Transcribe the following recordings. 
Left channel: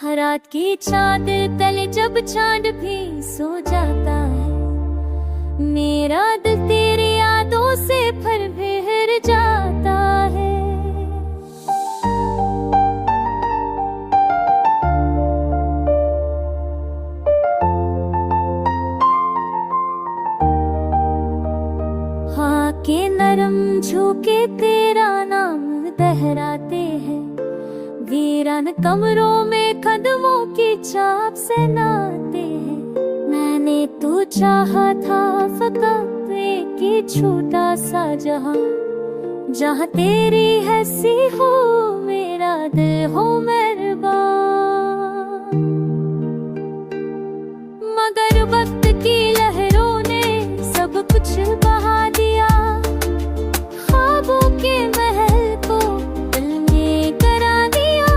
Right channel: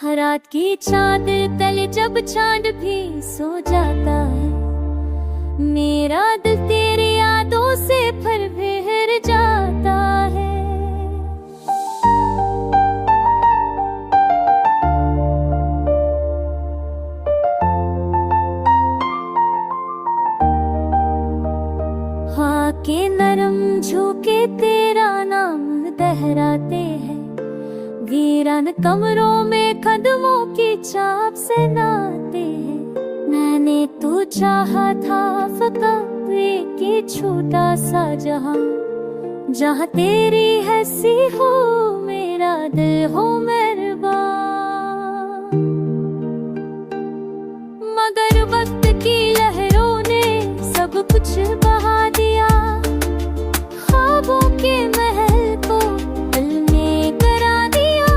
हर रात की चादर तले जब चांद भी सो जाता है, मेरा दिल तेरी यादों से फिर बिखर जाता है। हाँ के नरम झोंके तेरा नाम दोहराते हैं, वीरान कमरों में कदमों की चाप से नाते हैं। मैंने तो चाहा था फकत एक छोटा सा जहां, जहां तेरी हंसी हो मेरा दिल हो मेहरबान। मगर वक्त की लहरों ने सब कुछ बहा दिया, ख्वाबों के महल को पल में करा दिया।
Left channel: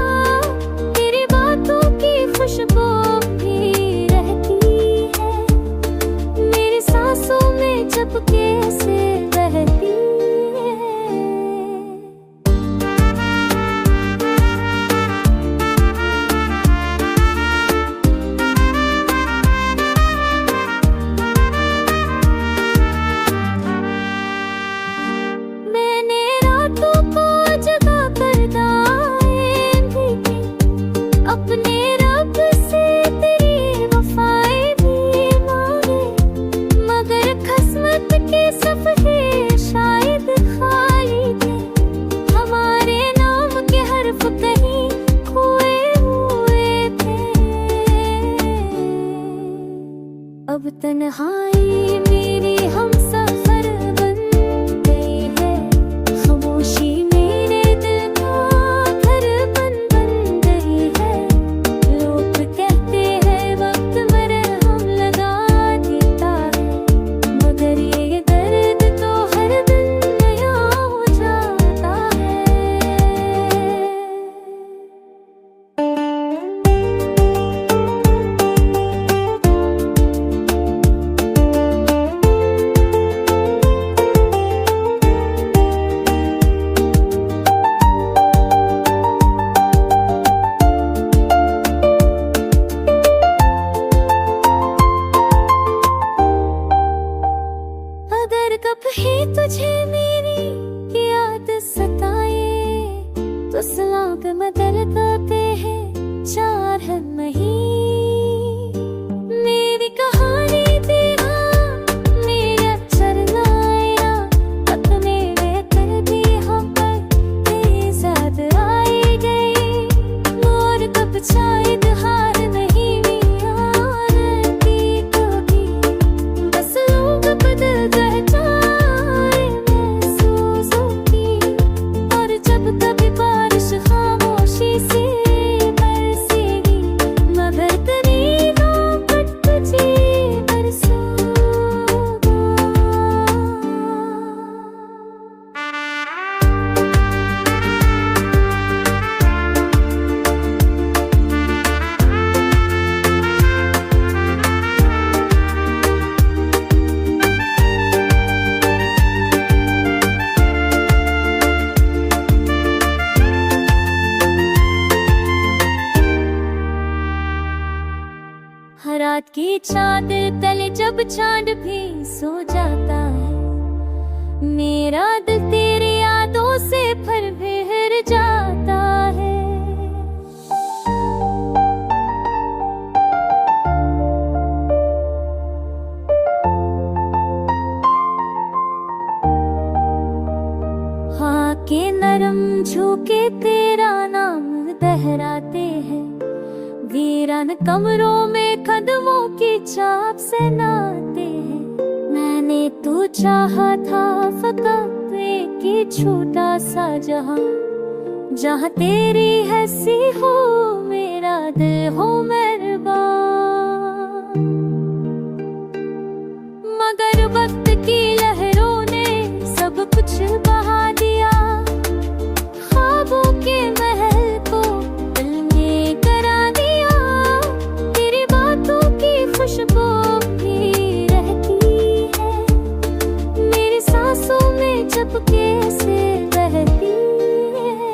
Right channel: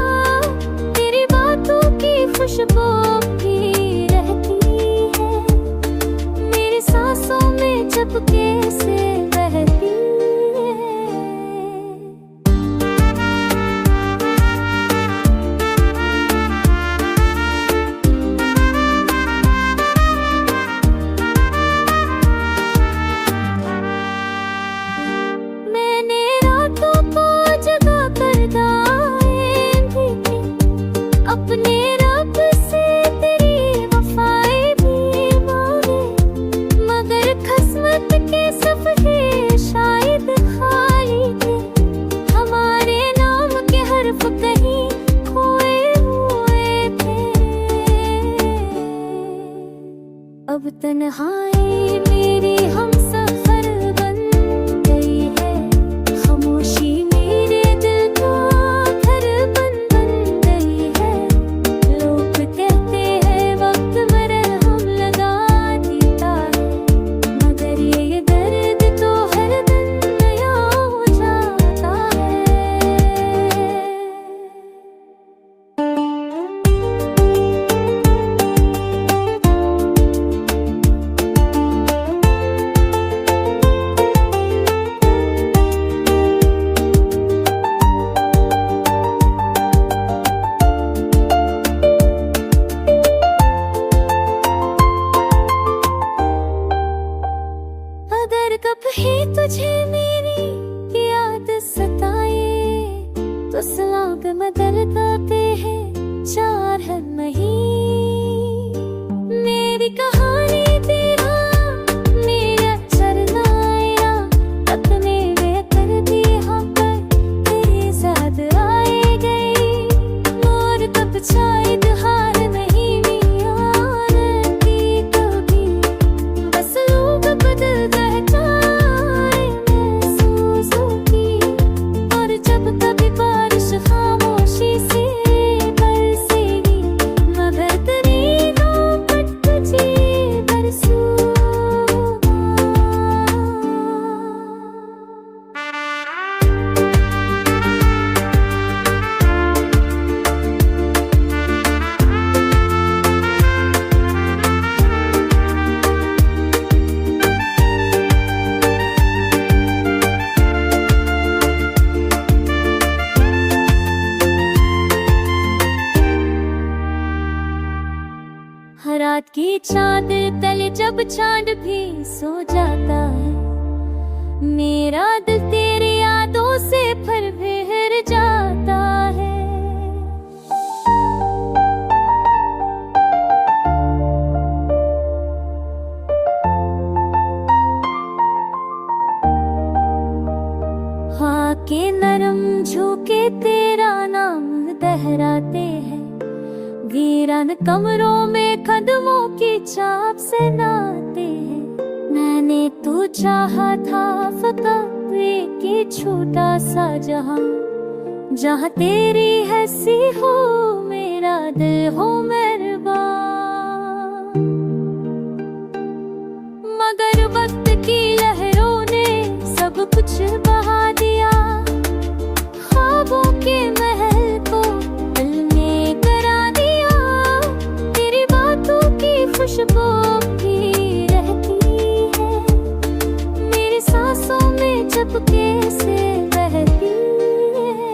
तेरी बातों की खुशबू भी रहती है मेरी सांसों में चुपके से बहती है। अपने रब से तेरी वफाएं भी मांगे, मगर किस्मत के सफ़े शायद खाली थे। हमारे नाम के हर्फ कहीं खोए हुए थे। अब तन्हाई मेरी हम सफर बन गई है, खामोशी मेरे दिल का घर बन कहते हैं वक्त मरहम लगा देता है, मगर ये दर्द तो हर दिन नया हो जाता है। अगर कभी तुझे मेरी याद सताए तो सलाग मदर गाते हैं चार है नहीं। मेरी कहानी तेरा मेरा चरना अपने बेहतर भी हम पर तेज याद आए गए। मोर कब शायद हार नहीं यार की कभी, बस लोग बदल जाए महसूसों की। और जब कभी बारिश खामोशी से बरसेगी, मगर तेरी मोहब्बत तुझे बरसूगा। हर रात की चादर तले जब चांद भी सो जाता है, मेरा दिल तेरी यादों से फिर बिखर जाता है। हाँ के नरम झोंके तेरा नाम दोहराते हैं, वीरान कमरों में कदमों की चाप से नाते हैं। मैंने तो चाहा था फकत एक छोटा सा जहां, जहां तेरी हंसी हो मेरा दिल हो मेहरबान। मगर वक्त की लहरों ने सब कुछ बहा दिया, ख्वाबों के महल को पल में करा दिया। तेरी बातों की खुशबू भी रहती है मेरी सांसों में चुपके से बहती है।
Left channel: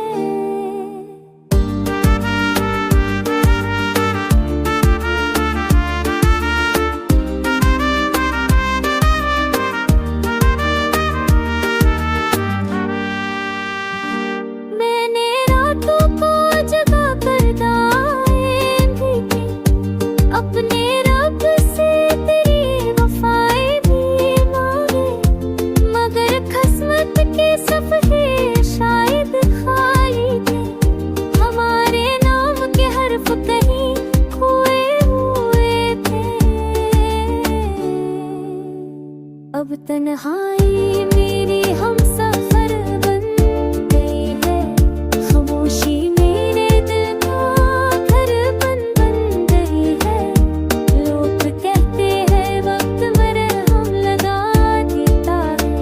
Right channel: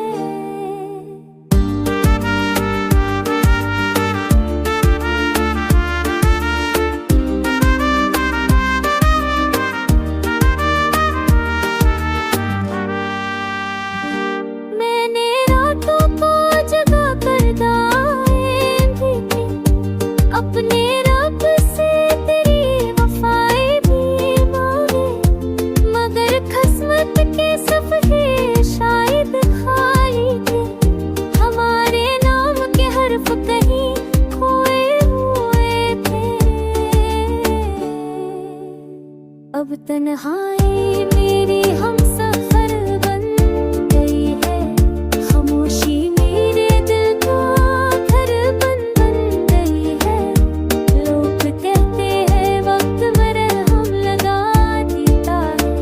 हर्फ कहीं खोए हुए थे। अब तन्हाई मेरी हम सफर बन गई है, खामोशी मेरे दिल का घरपन बन गई है। लोग कहते हैं वक्त मरहम लगा देता है,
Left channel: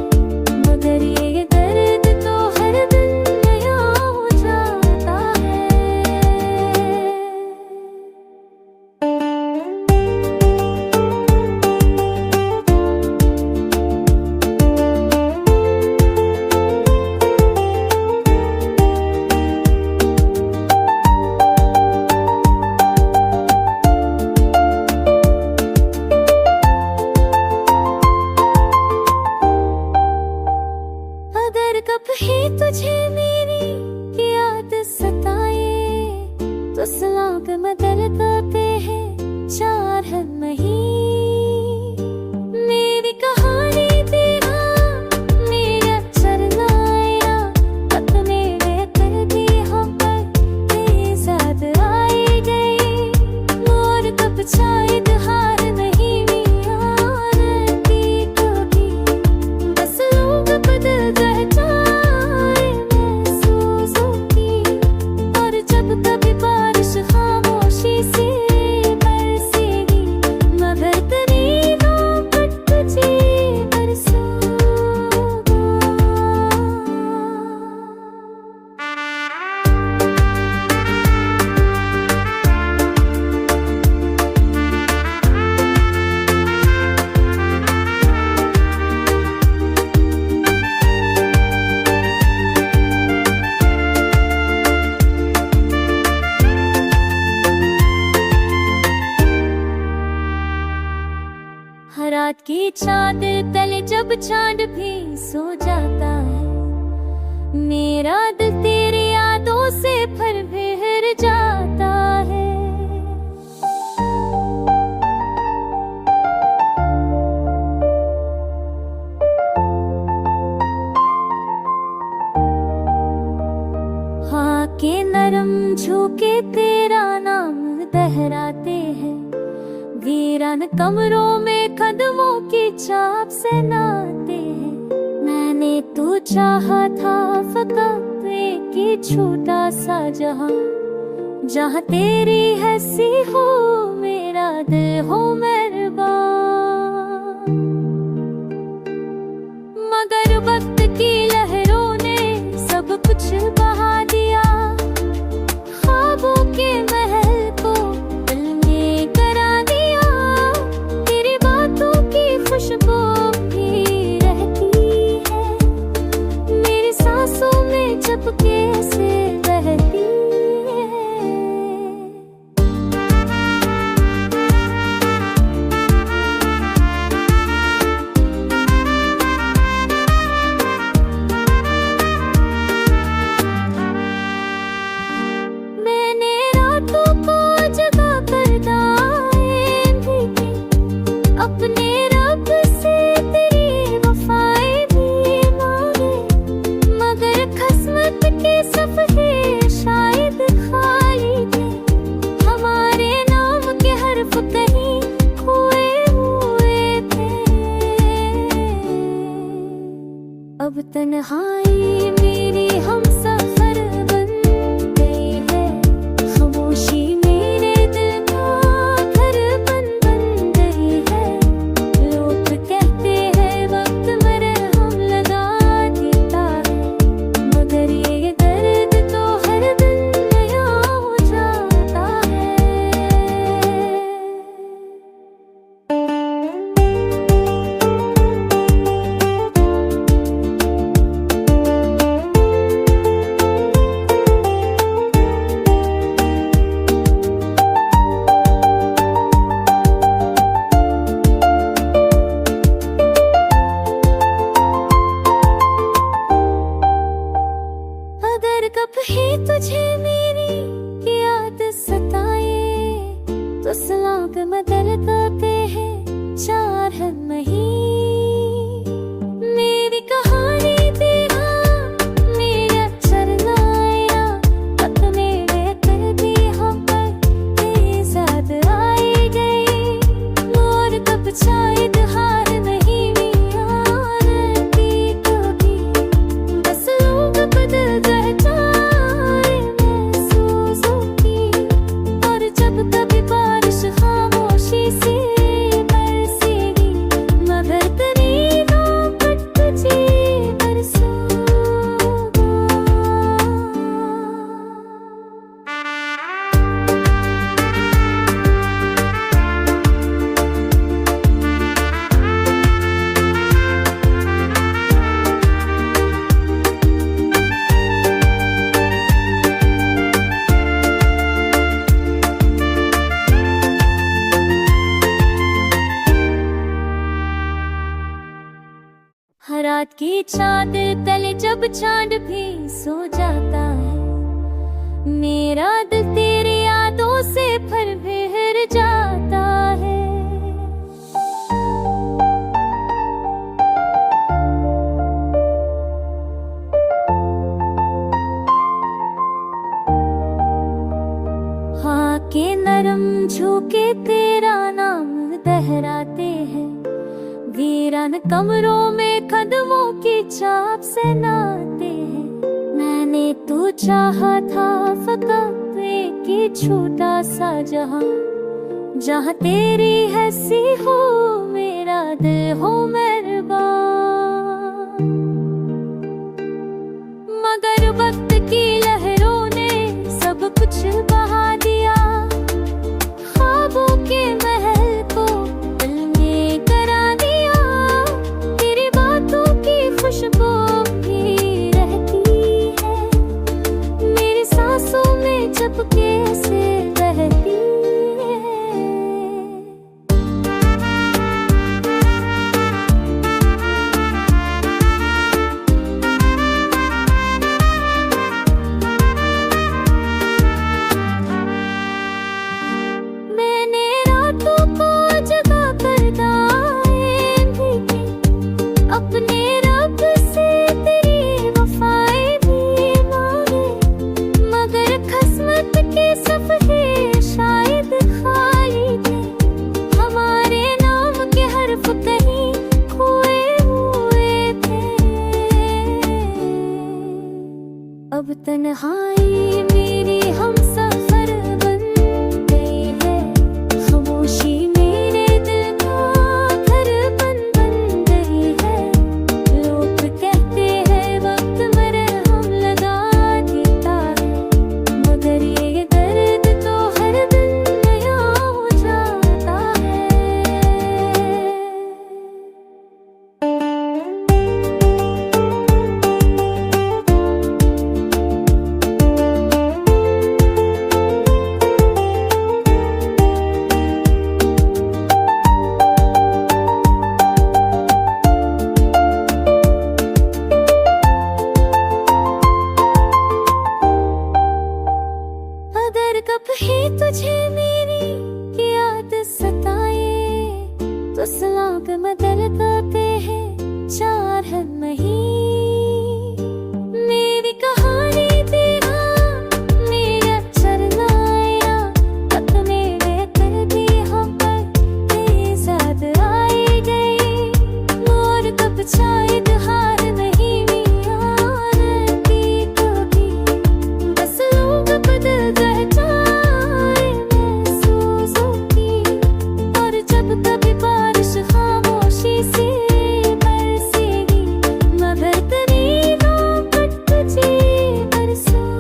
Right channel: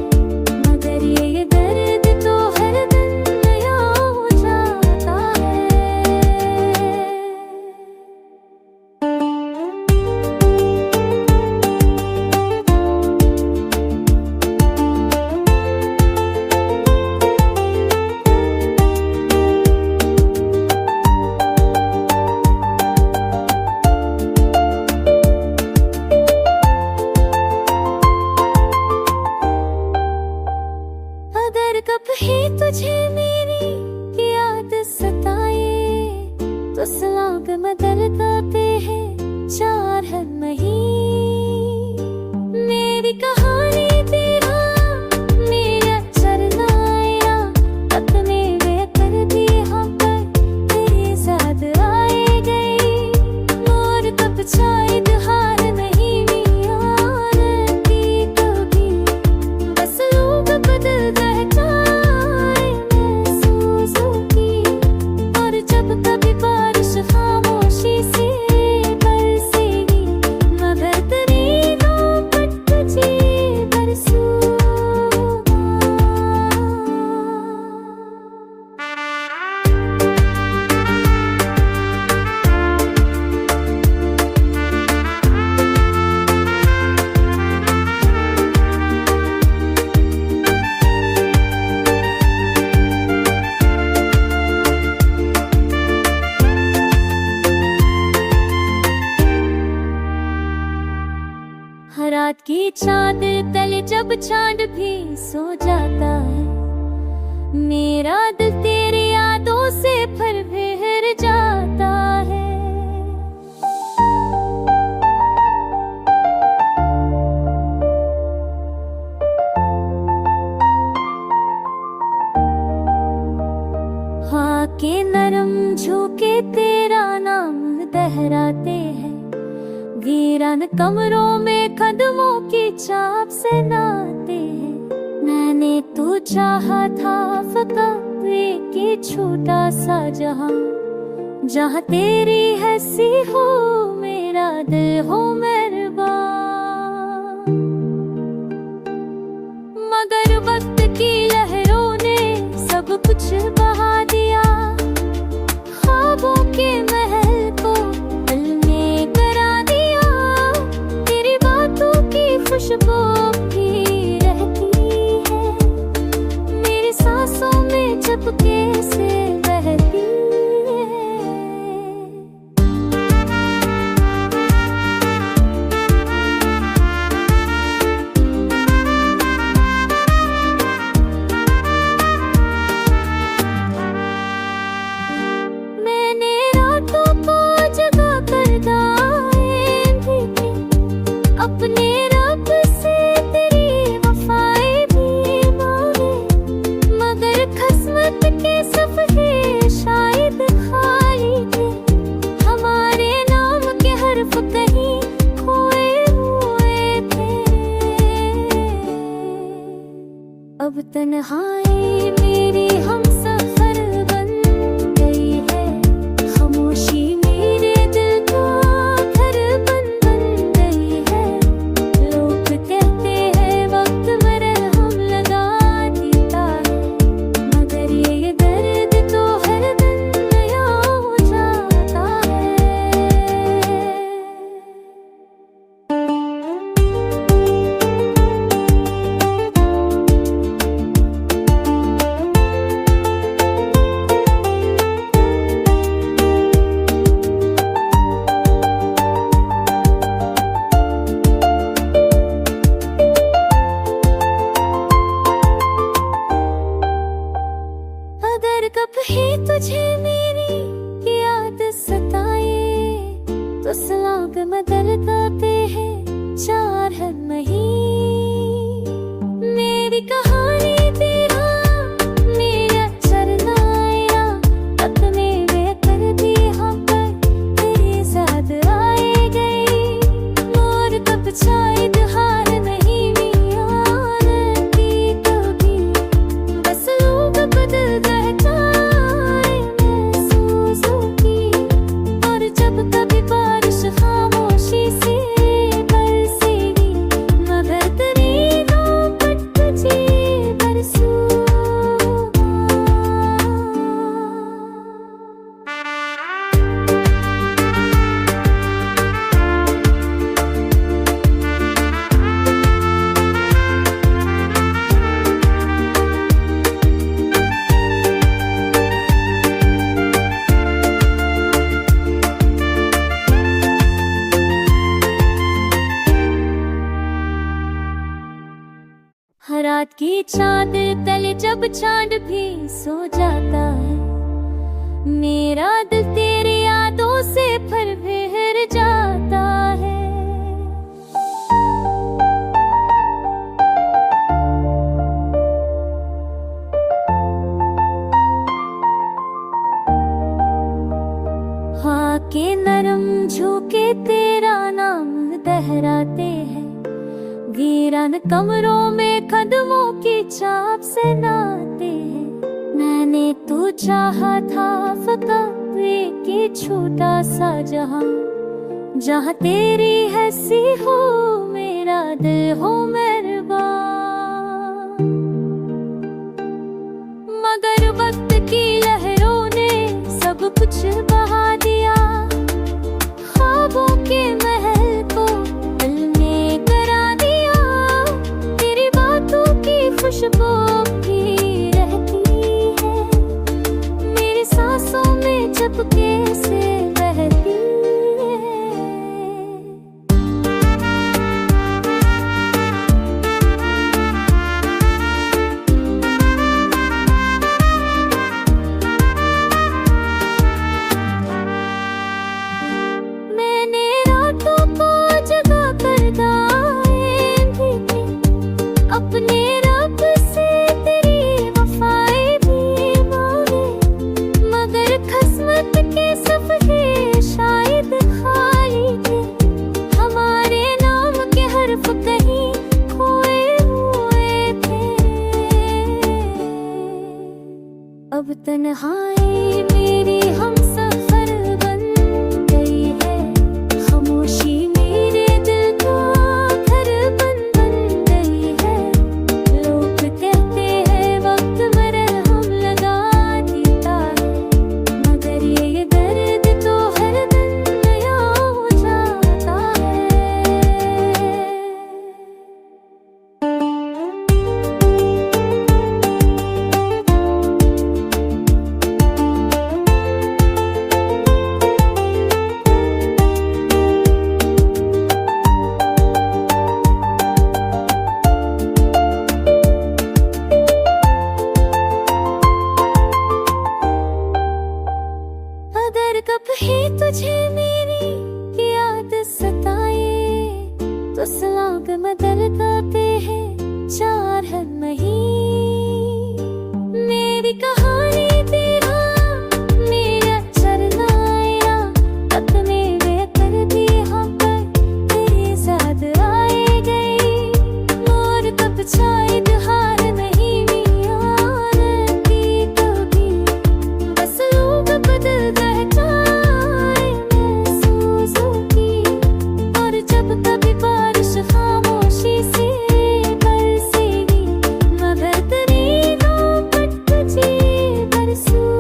मगर ये दर्द तो हर दिन नया हो जाता है। अगर कभी तुझे मेरी याद सताए तो सलाग मदर गाते हैं चार है नहीं। मेरी कहानी तेरा मेरा चरनाया अपने वे कर दी हम पर तेजाद आए गए। मोर तब शायद हार नहीं आती कभी, बस लोग बदल जाए महसूसों की। और जब कभी बारिश खामोशी से बरसेगी, मगर तेरी नौबत तुझे बरसूंगा। रात की चादर तले जब चांद भी सो जाता है, मेरा दिल तेरी यादों से फिर बिखर जाता है। हाँ के नरम झोंके तेरा नाम दोहराते हैं, वीरान कमरों में कदमों की चाप से नाते हैं। मैंने तो चाहा था फकत एक ही छोटा सा जहां, जहां तेरी हंसी हो मेरा दिल हो मेहरबान। मगर वक्त की लहरों ने सब कुछ बहा दिया, ख्वाबों के महल को दिल में करा दिया। तेरी बातों की खुशबू भी रहती है मेरी सांसों में चुपके से बहती है। मैंने रातों को जगा कर दाएं भी थी, अपने रब से तेरी वफाएं भी मांगे। मगर किस्मत के सफ़े शायद खाली थे, हमारे नाम के हर्फ कहीं खोए हुए थे। अब तन्हाई मेरी हम सफर बन गई है, खामोशी मेरे दिल का घरपन बन गई है। लोग कहते हैं वक्त मरहम लगा देता है, मगर ये दर्द तो हर दिन नया हो जाता है। अगर कभी तुझे मेरी याद सताए तो सलाग मदर गाते हैं चार है नहीं। मेरी कहानी तेरा मेरा चरनाया अपने वे कर दी हम पर जब कभी बारिश खामोशी से बरसेगी, मगर तेरी नौबत तुझे बरसूंगा। हर रात की चादर तले जब चांद भी सो जाता है, मेरा दिल तेरी यादों से फिर बिखर जाता है। हाँ के नरम झोंके तेरा नाम दोहराते हैं, वीरान कमरों में कदमों की चाप से नाते हैं। मैंने तो चाहा था फकत एक छोटा सा जहां, जहां तेरी हंसी हो मेरा दिल हो मेहरबान। मगर वक्त की लहरों ने सब कुछ बहा दिया, ख्वाबों के महल को दिल में करा दिया। तेरी बातों की खुशबू भी रहती है मेरी सांसों में, चुपके से बहती है। मैंने रातों को जगा कर दाएं भी थी, अपने रब से तेरी वफाएं भी मांगे, मगर किस्मत के सफ़े शायद खाली थे। हमारे नाम के हर्फ कहीं खोए हुए थे। अब तन्हाई मेरी हम सफर बन गई है, खामोशी मेरे दिल का घर बन गई है। लोग कहते हैं वक्त मरहम लगा देता है, मगर ये दर्द तो हर दिन नया हो जाता है। अगर कभी तुझे मेरी याद सताए, तो सलाग मदर गाते हैं चार है नहीं। मेरी कहानी तेरा मेरा चरनाया, अपने बेकर भी हम पर तेज याद आए गए। मोर कब शायद हार नहीं आती कभी, बस लोग बदल जाए महसूसों की। और जब कभी बारिश खामोशी से बरसेगी, मगर तेरी नौबत तुझे बरसूंगा।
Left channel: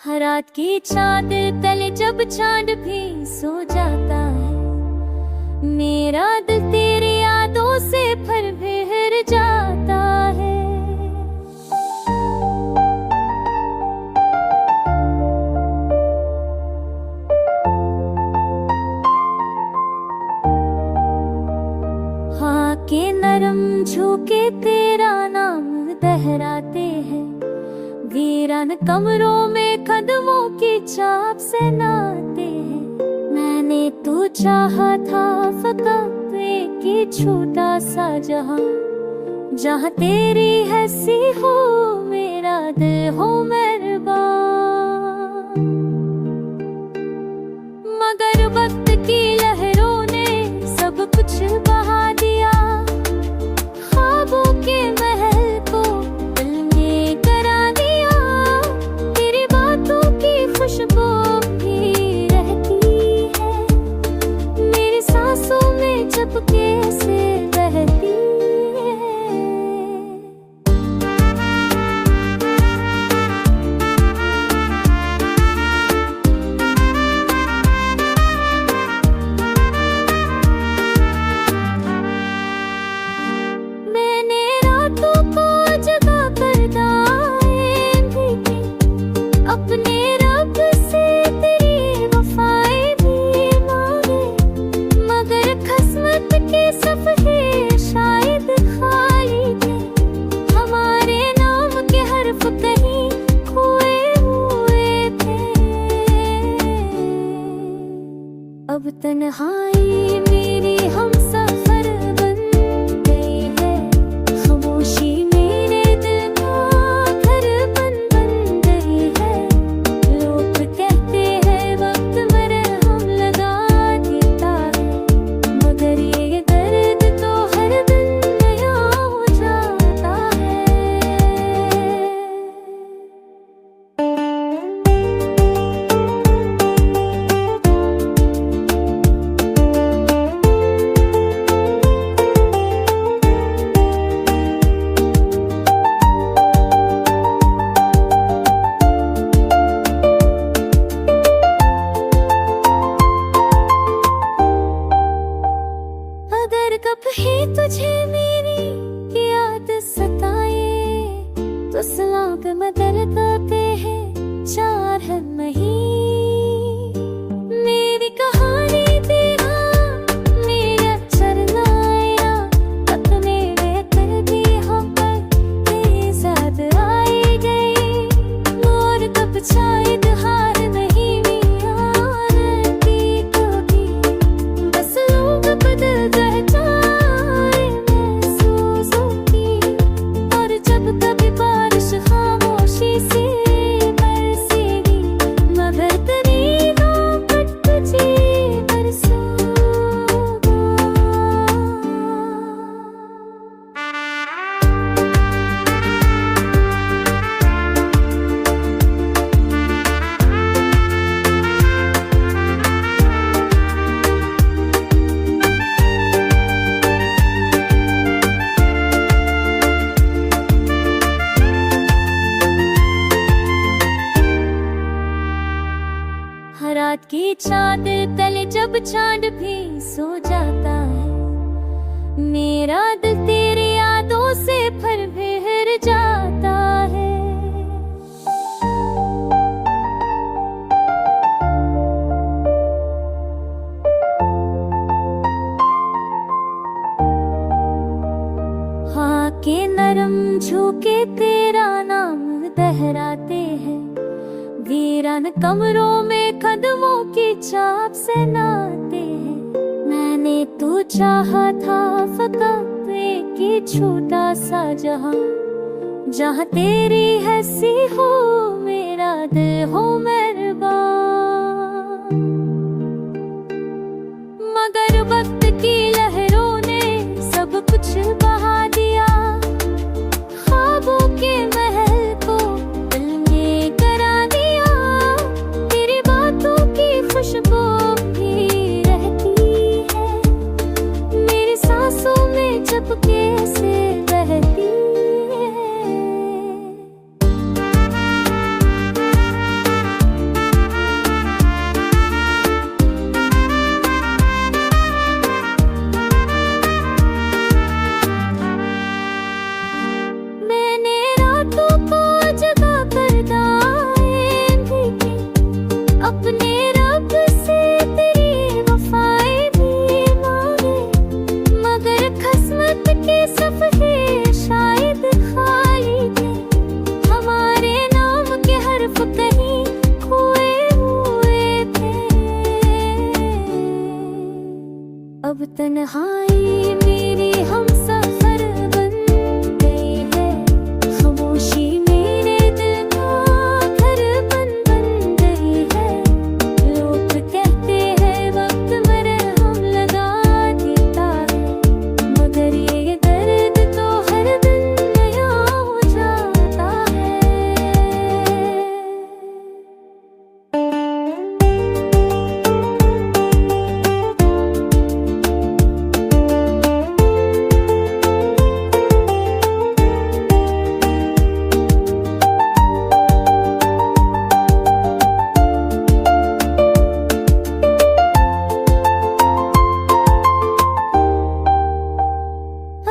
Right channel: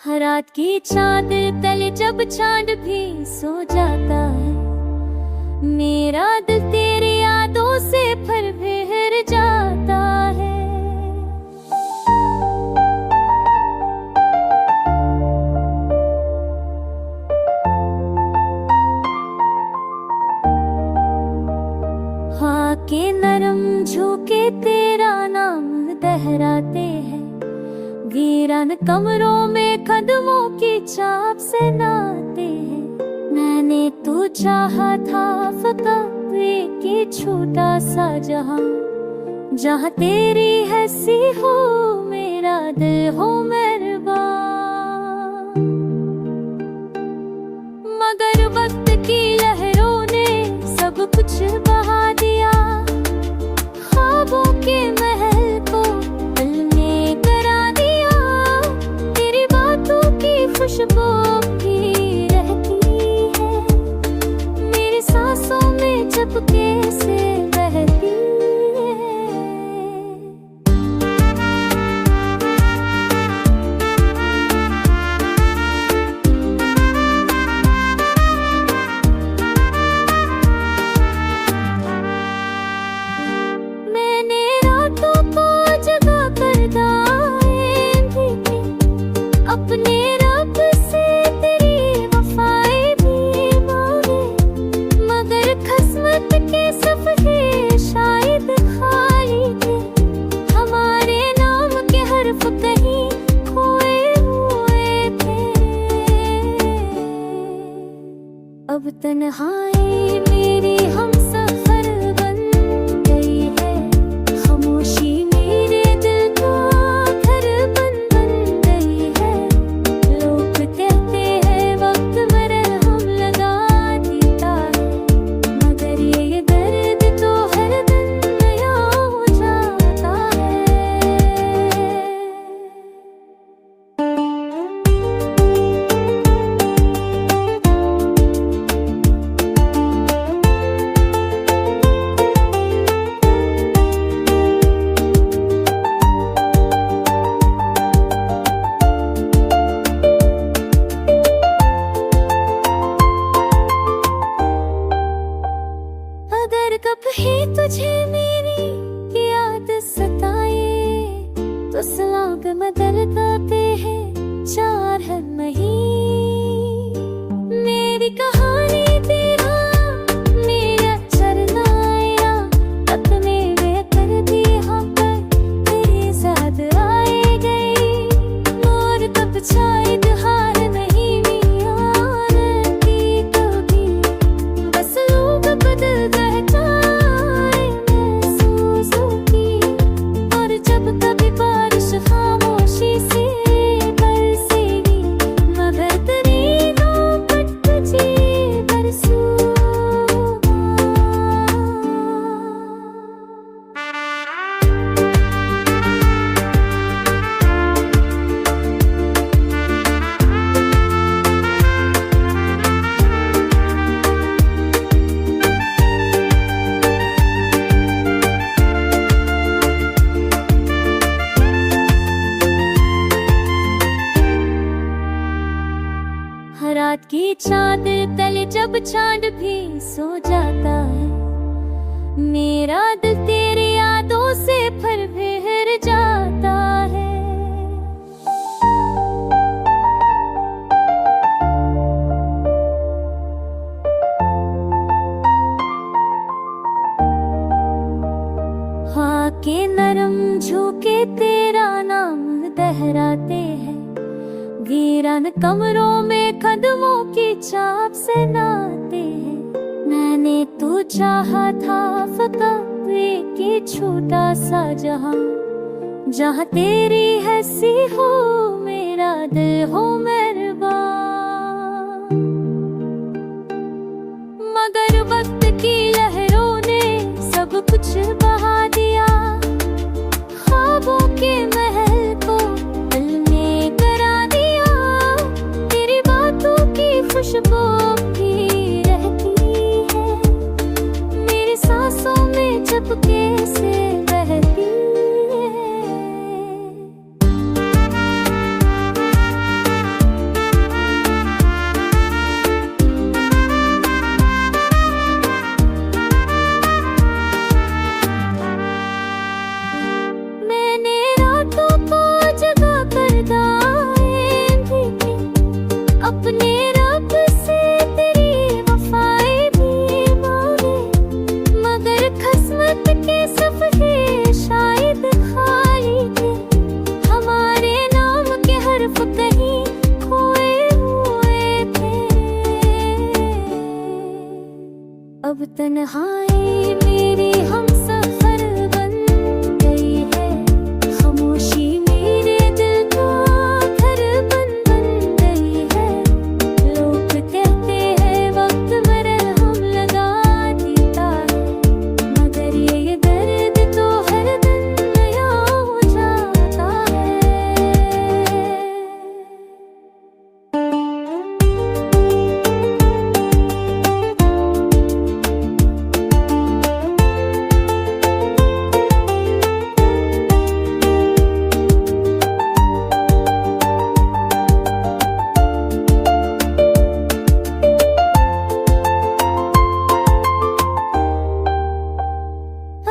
हर रात की चादर तले जब चांद भी सो जाता है, मेरा दिल तेरी यादों से फिर बिखर जाता है। हाँ के नरम झोंके तेरा नाम दोहराते हैं, वीरान कमरों में कदमों की चाप से नाते हैं। मैंने तो चाहा था फकत एक छोटा सा जहां, जहां तेरी हंसी हो मेरा दिल हो मेहरबान। मगर वक्त की लहरों ने सब कुछ बहा दिया, ख्वाबों के महल को पल में करा दिया। तेरी बातों की खुशबू भी रहती है मेरी सांसों में चुपके से बहती है। मैंने रातों को जगा कर दाएं भी की, अपने रब से तेरी वफाएं भी मांगे। मगर किस्मत के सफ़े शायद खाली थे, हमारे नाम के हर्फ कहीं खोए हुए थे। अब तन्हाई मेरी हम सफर बन गई है, खामोशी मेरे दिल का घर बन गई है। लोग कहते हैं वक्त मरहम लगा देता है, मगर ये दर्द तो हर दिन नया हो जाता है। अगर कभी तुझे मेरी याद सताए तो सलाग मदर गाते हैं चार है नहीं। मेरी कहानी तेरा मेरा चरनाया तक मेरे कर दी हम पर तेरे साथ आए गए। मोर कब शायद हार नहीं की कभी, बस लोग बदल जाए महसूसों की। और जब कभी बारिश खामोशी से बरसेगी, मगर तेरी नौबत तुझे बरसूगा। रात की चादर तले जब चांद भी सो जाता है, मेरा दिल तेरी यादों से फिर बिखर जाता है। हाँ के नरम झोंके तेरा नाम दोहराते हैं, वीरान कमरों में कदमों की चाप से नाते हैं। मैंने तो चाहा था फकत एक छोटा सा जहां, जहां तेरी हंसी हो मेरा दिल हो मेहरबान। मगर वक्त की लहरों ने सब कुछ बहा दिया, ख्वाबों के महल को पल में करा दिया। तेरी बातों की खुशबू भी रहती है मेरी सांसों में चुपके से बहती है। मैंने रातों को जगा कर दाएं भी की, अपने रब से तेरी वफाएं भी मांगे। मगर किस्मत के सफ़े शायद तन्हाई मेरी हम सफर बन गई है, खामोशी मेरे दिल का घर बन गई है। लोग कहते हैं वक्त मरहम लगा देता है, मगर ये दर्द तो हर दिन नया हो जाता है।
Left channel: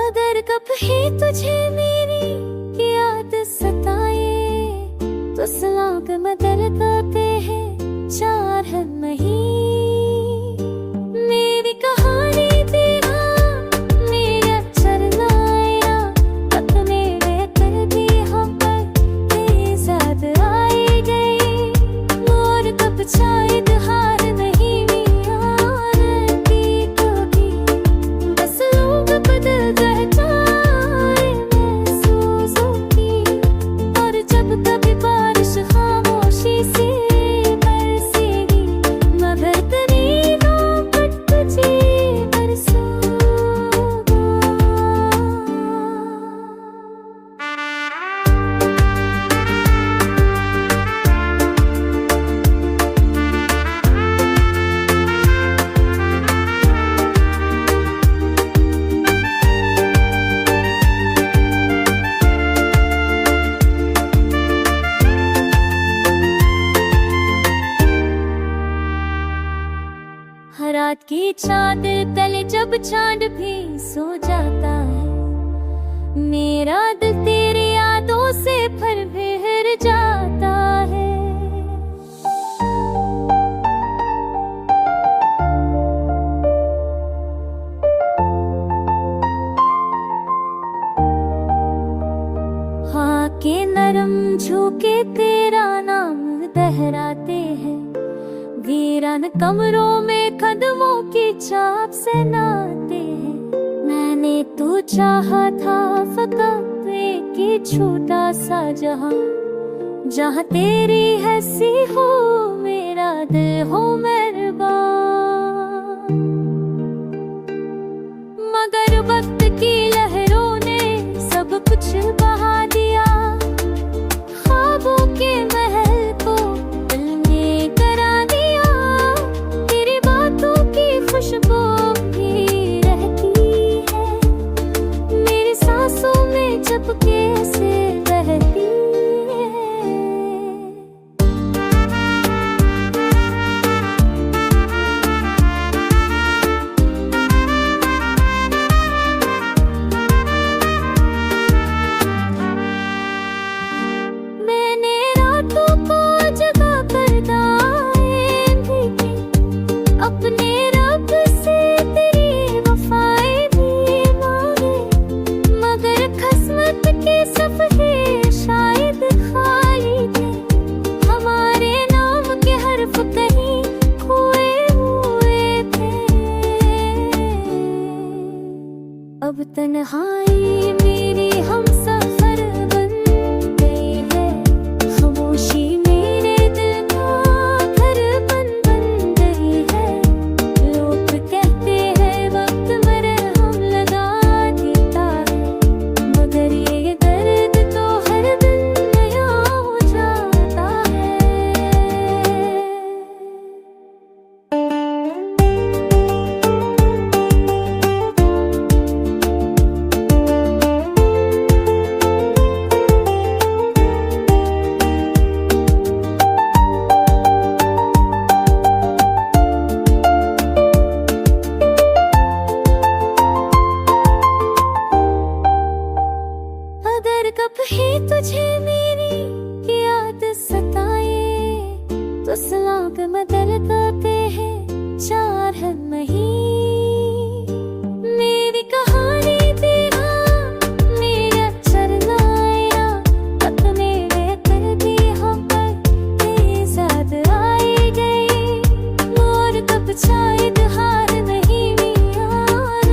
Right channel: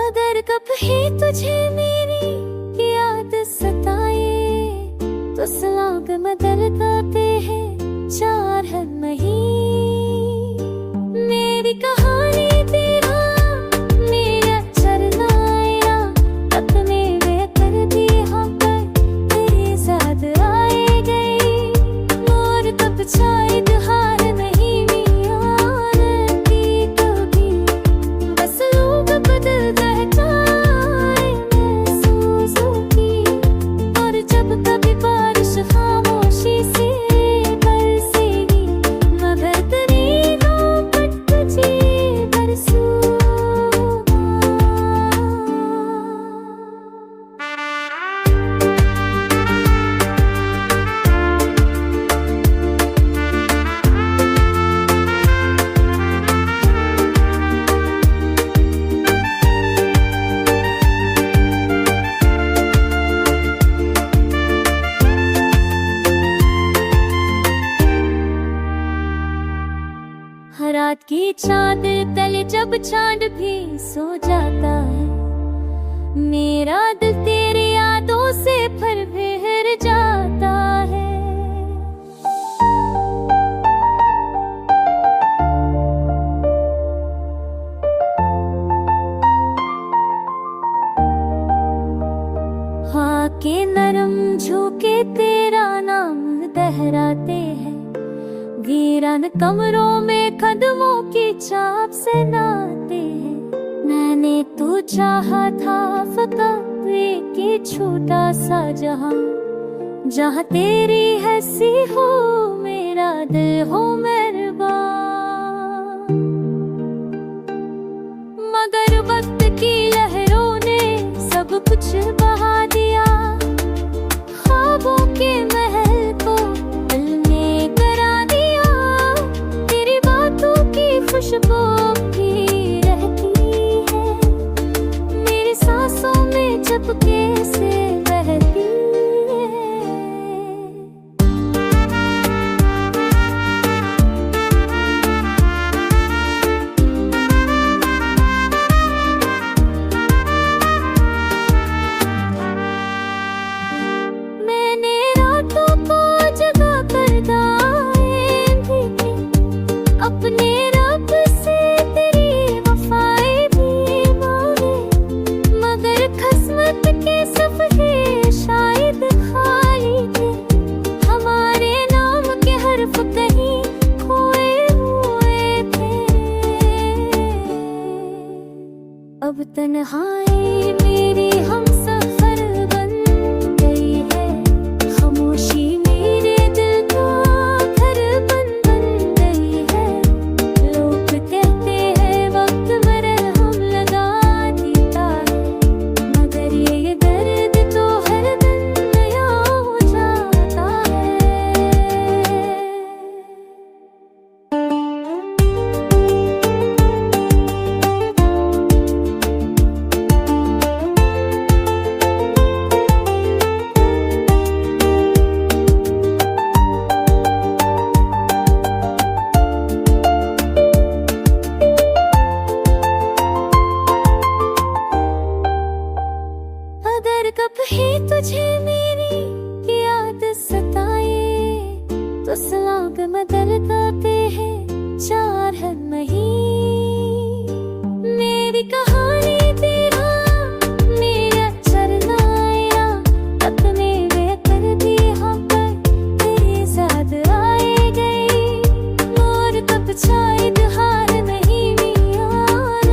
अगर कभी तुझे मेरी याद सताए, तो सलाग मदर गाते हैं चार है नहीं। मेरी कहानी तेरा मेरा चरनाया, अपने वे कर दी हम पर तेरे साथ आए गए। मोर कब शायद हार नहीं यार की कभी, बस लोग बदल जाए महसूसों की। और जब कभी बारिश खामोशी से बरसेगी, मगर तेरी रात तुझे बरसूगा। रात की चादर तले जब चांद भी सो जाता है, मेरा दिल तेरी यादों से फिर बिखर जाता है। हाँ के नरम झोंके तेरा नाम दोहराते हैं, वीरान कमरों में कदमों की चाप से नाते हैं। मैंने तो चाहा था फकत एक ही छोटा सा जहां, जहां तेरी हंसी हो मेरा दिल हो मेहरबान। मगर वक्त की लहरों ने सब कुछ बहा दिया, ख्वाबों के महल को पल में करा दिया। तेरी बातों की खुशबू भी रहती है मेरी सांसों में, चुपके से बहती है। मैंने रातों को जगा कर दाएं भी थी, अपने रब से तेरी वफाएं भी मांगे। मगर किस्मत के सफ़े शायद खाली थे, हमारे नाम के हर्फ कहीं खोए हुए थे। अब तन्हाई मेरी हम सफर बन गई है, खामोशी मेरे दिल का घर बन गई है। लोग कहते हैं वक्त मरहम लगा देता है, मगर ये दर्द तो हर दिन नया हो जाता है। अगर कभी तुझे मेरी याद सताए, तो सलाग मदर गाते हैं चार है नहीं। मेरी कहानी तेरा मेरा चरनाया, अपने वे कर दी हम पर तेरे साथ आए गए। मोर कब शायद हार नहीं यार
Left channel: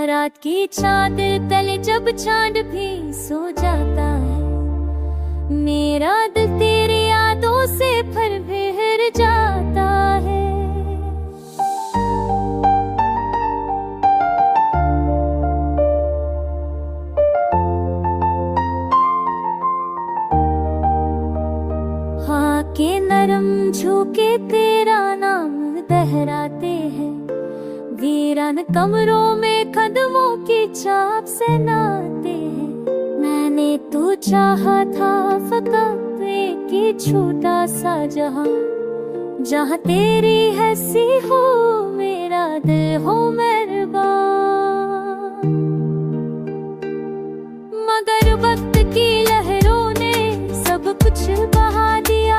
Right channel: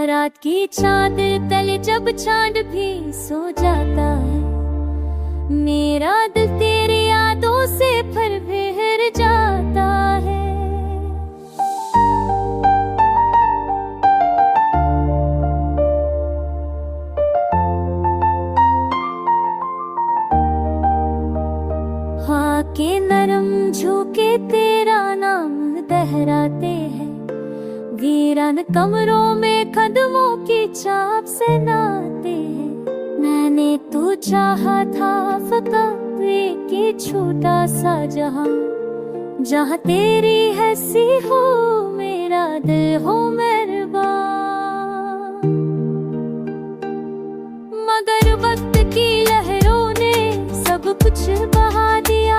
यहाँ रात की चादर तले जब चांद भी सो जाता है, मेरा दिल तेरी यादों से फिर भर जाता है। हाँ के नरम झोंके तेरा नाम दोहराते हैं, वीरान कमरों में कदमों की चाप से नाते हैं। मैंने तो चाहा था फकत एक छोटा सा जहां, जहां तेरी हंसी हो मेरा दिल हो मेहरबान। मगर वक्त की लहरों ने सब कुछ बहा दिया,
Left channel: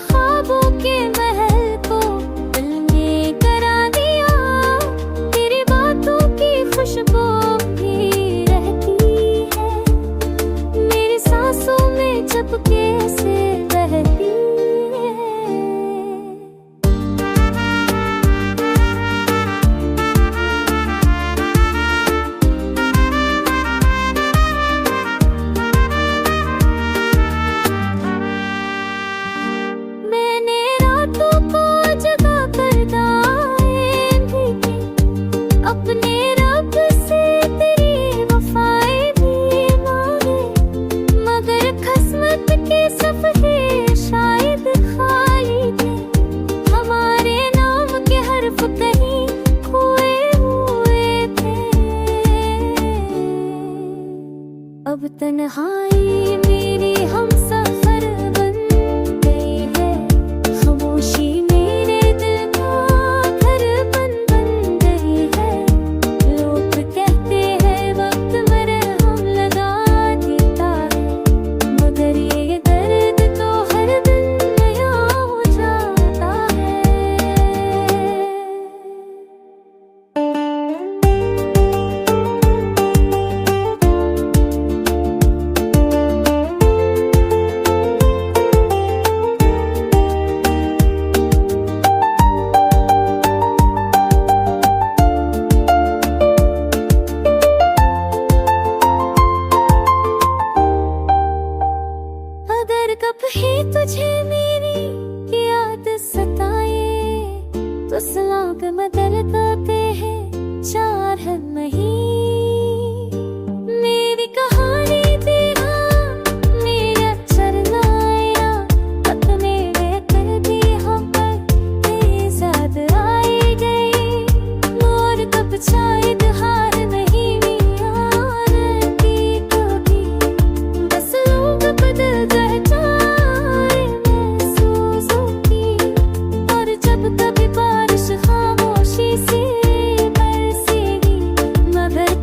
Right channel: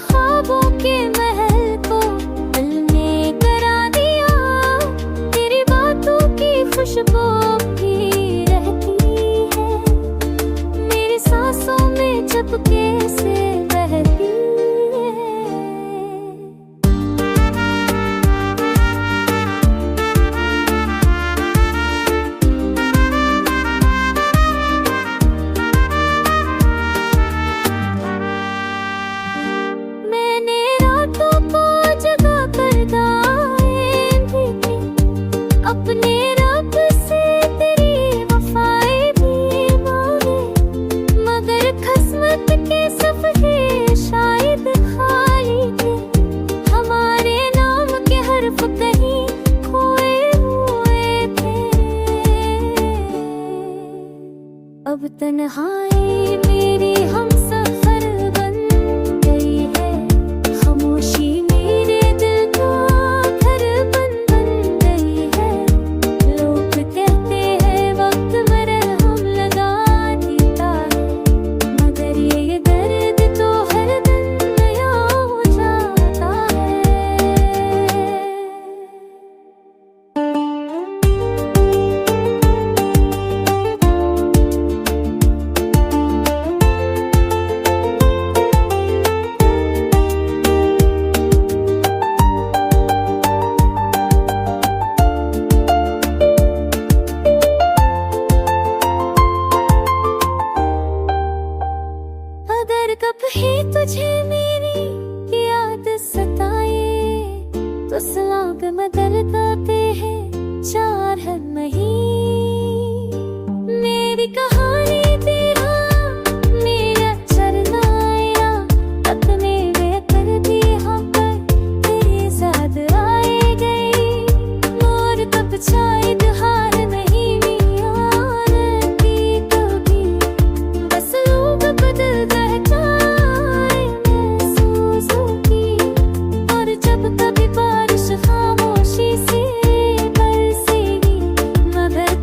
ख्वाबों के महल को पल में करा दिया। तेरी बातों की खुशबू भी रहती है मेरी सांसों में चुपके से बहती है। अपने रब से तेरी वफाएं भी मांगे, मगर किस्मत के सफ़े शायद खाली थे। हमारे नाम के हर्फ कहीं खोए हुए थे। अब तन्हाई मेरी हम सफर बन गई है, खामोशी मेरे दिल का घर बन गई है। लोग कहते हैं वक्त मरहम लगा देता है, मगर ये दर्द तो हर दिन नया हो जाता है। अगर कभी तुझे मेरी याद सताए तो सलाग मदर गाते हैं चार है नहीं। मेरी कहानी तेरा मेरा चरना आया, अपने बेहतर भी हम पर तेरे साथ आए गए। मोर तब शायद हार नहीं यार की कभी, बस लोग बदल जाए महसूसों की। और जब कभी बारिश खामोशी से बरसेगी, मगर